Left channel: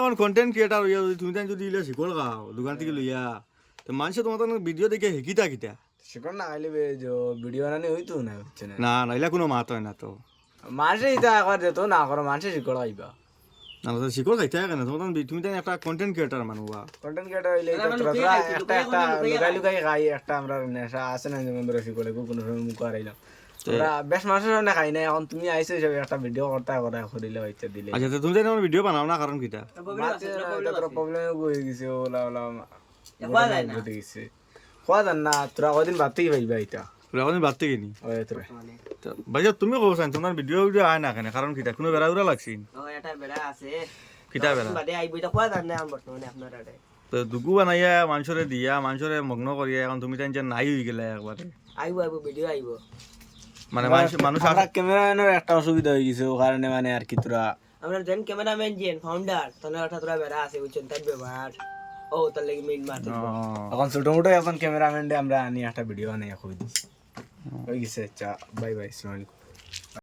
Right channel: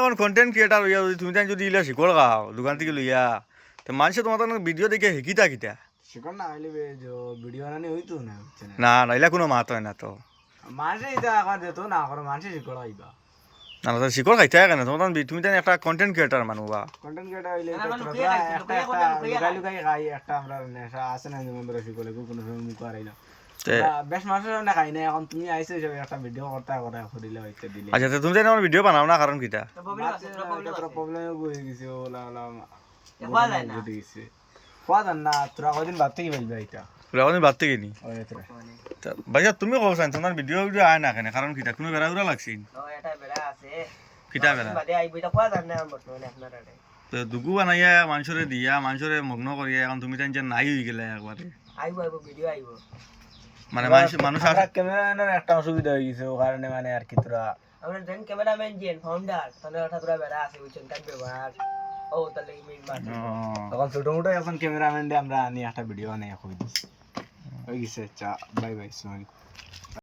এখন content creator হইয়া যদি তুমি যদি ইলা শিকড় খাও দোকান থেকে লইয়া তো মানুষে তোমার ভিডিও দেখে শিকিতা কিতা শিকড় না আইলে ভিডিও বানানি হইতো না বুঝছে না না না ইলা কোনো মাত হয় না তো মানুষে এটা একবার যেত না করো মানুষে শিকড় আইবা না না শিকড় খাইতে হয় কেন তোমার তুমি জানি একটা কন্টেন্ট ক্রিয়েটার মানুষ বা কন্টেন্ট ক্রিয়েটর হইলে আমরা এটা লুকিয়ে খাইছি, লুকিয়ে কোনো লুকিয়ে লুকাই লুকাই খাই একটা আমরা নেশা আছে না যেমন ধরো শিকড়ে কোনো সময় মুখ হারাইলাম বেশ মানুষের সামনে খাই না এখন তুমি আইছো হিসাবে একটা ভিডিও করতে কথা করিলে হইতে দিলে আচ্ছা তো তুমি জানি আমার ভিডিও বানাও না কারণ কিতা প্রবলেম হয়ে গেছে ওলা ওলা খোয়া যায় না। বুঝে গেছে খোয়া যান না তোরা কদিন বাদ থেকে পাইবা এটা আমি বাদ থেকে নি ওই তোরা ভাইয়া তুমি কব চান তোমার ভিডিও ভিডিও আয় না কেন কারণ কিতা কোনো বেড়া উড়া লাগছি ও এটা বেড়া আছে কিতা বেড়া বাদে আইবো এটা খোয়া যায় না বর্তমানে আপনার আড়ে তো দুগু বানাইয়া মানুষরে দিয়া মানুষরে মগ্ন করিয়া এখন তুমি তাই নাই হয়ে গেলে একবারে আইবো ভিডিও আইবো মানে মানুষ আমরা ক্যামেরাম্যানের একটা অসুবিধা হয়ে গেছে ও কারণে মানে আর কি তোরা আমরা যেন ক্যামেরাম্যান যেন ফাউন্ডার তাহলে ওটা তোরা বেড়া আছে বুঝছেন তাই ব্যবহার ও তার লাগি মেইন মার এখন ছোট মোটো এখন ক্যামেরাম্যান আমরা আনি একটা ভিডিও বানাই এখন হয়ে গেছে বাই বাই আসসালামু আলাইকুম